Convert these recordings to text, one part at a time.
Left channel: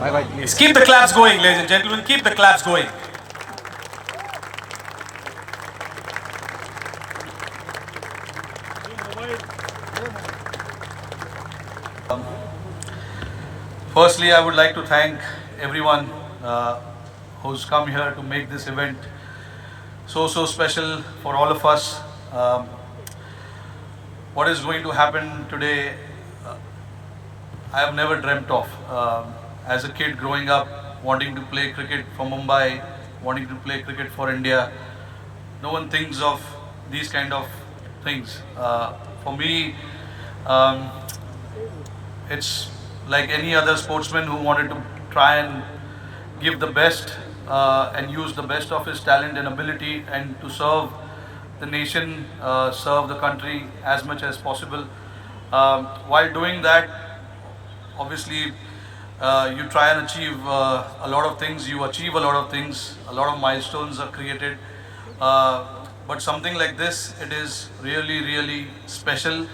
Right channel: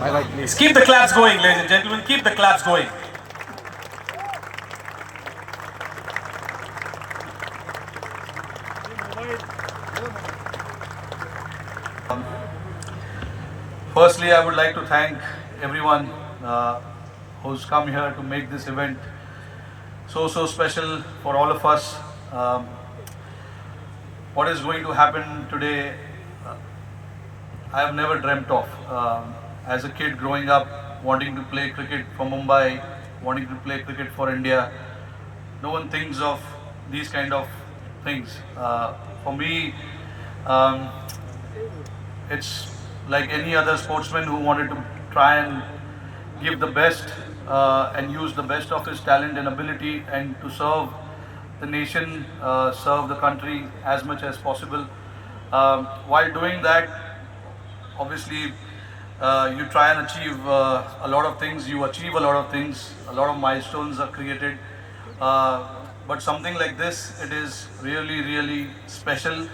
Bye bye, please. Keep the claps going, ladies and gentlemen. Keep the claps going. Firstly, I would like to thank everyone who's come here to make this event so special for all of us. Um, what is going to happen today, I have never dreamt of. As a kid growing up, wanting to play cricket for Mumbai, wanting to play cricket for India, no one thinks of these kind of things. For me, um, it's like any other sportsman who wanted to try and give the best and use the best of his talent and ability and to serve the nation, serve the country as much as possible. While doing that, obviously, you try and achieve a lot of things, you achieve a lot of things, a lot of milestones are created. But something like this, it is really special.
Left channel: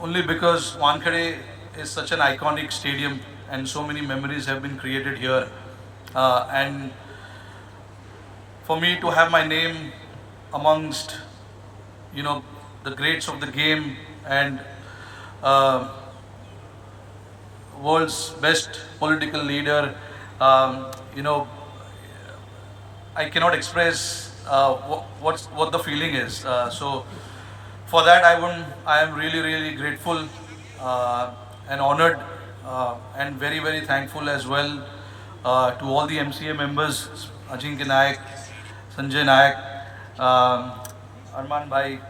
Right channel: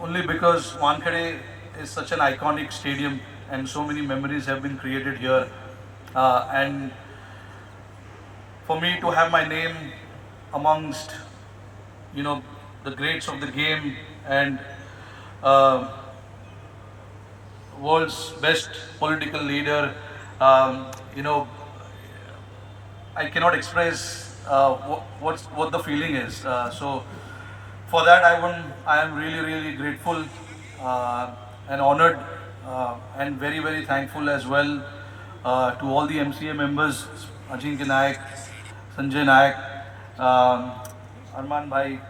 Only because Wankhede is such an iconic stadium and so many memories have been created here. And for me to have my name amongst, the greats of the game and uh, world's best political leader, um, you know, I cannot express what the feeling is. So for that, I am really grateful and honored and very thankful as well to all the MCA members, Ajinkya Nayak, Sanjay Nayak, Arman Bhai,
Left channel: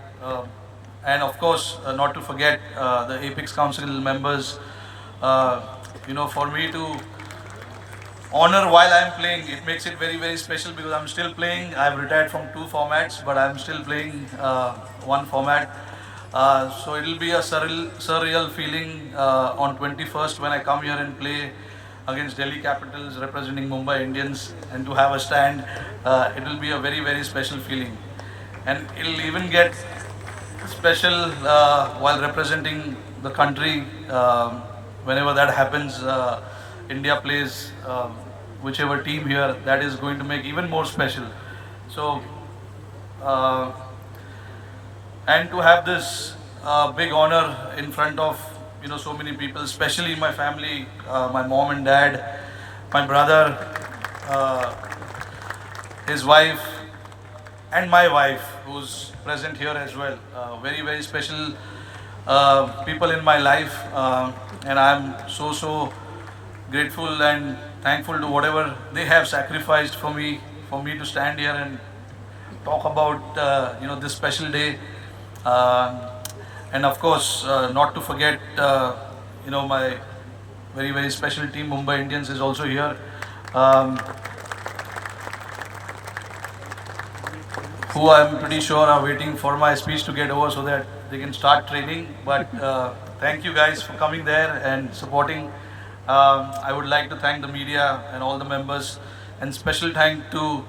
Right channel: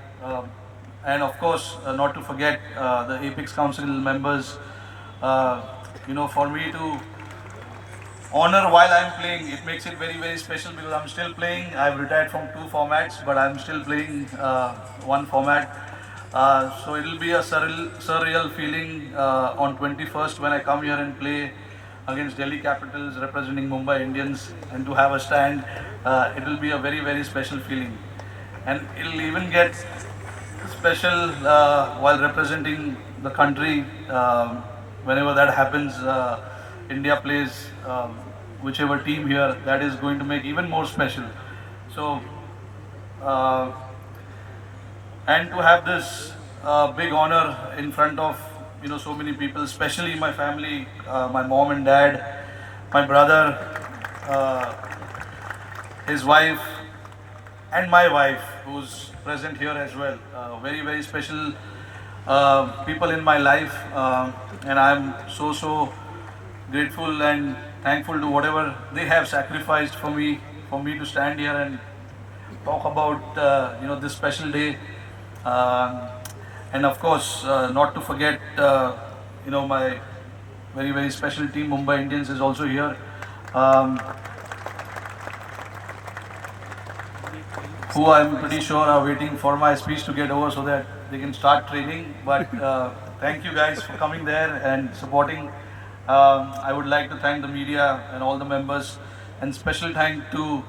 and of course, not to forget the Apex Council members. For me to honor while I'm playing, it makes it very special because I'm still playing. I've retired from 2 formats, but I'm still playing one format. So it'll be a surreal feeling on 21st when I come here and play against Delhi Capitals representing Mumbai Indians and to have a stand. It will be a very special feeling. And it'll even get special while representing the country. Whenever that happens, India plays whichever team here, that is going to make even more special. So, uh, and to have this big honor in front of so many people, especially my family, my mom and dad, my brother, uh, his wife, and my wife, who's present here as well. Very special people in my life, and I'm so grateful and thankful to whatever they have sacrificed for me to stand here and talk about this special day. Um, and of course, not to forget, my very special team, Mumbai Indians, is also here. Um, who I'm pretty sure are waiting for my speech to get over so that they can start training. But thank you guys for coming there and supporting. I would like to thank the media and all the members, and special thank to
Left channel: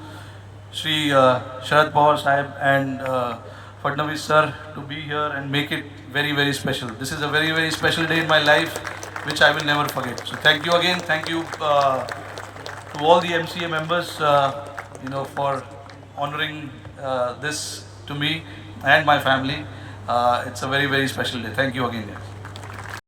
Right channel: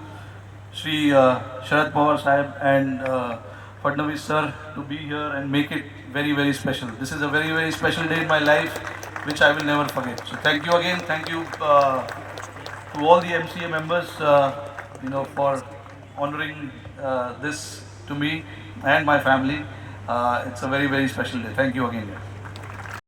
Sri Sharad Pawar Sahib and Fadnavis sir to be here and make it very special. This is a very special day in my life, which I will never forget. So thank you again. Thank you to all the MCA members, for honoring this to me and my family. It's a very special day. Thank you again.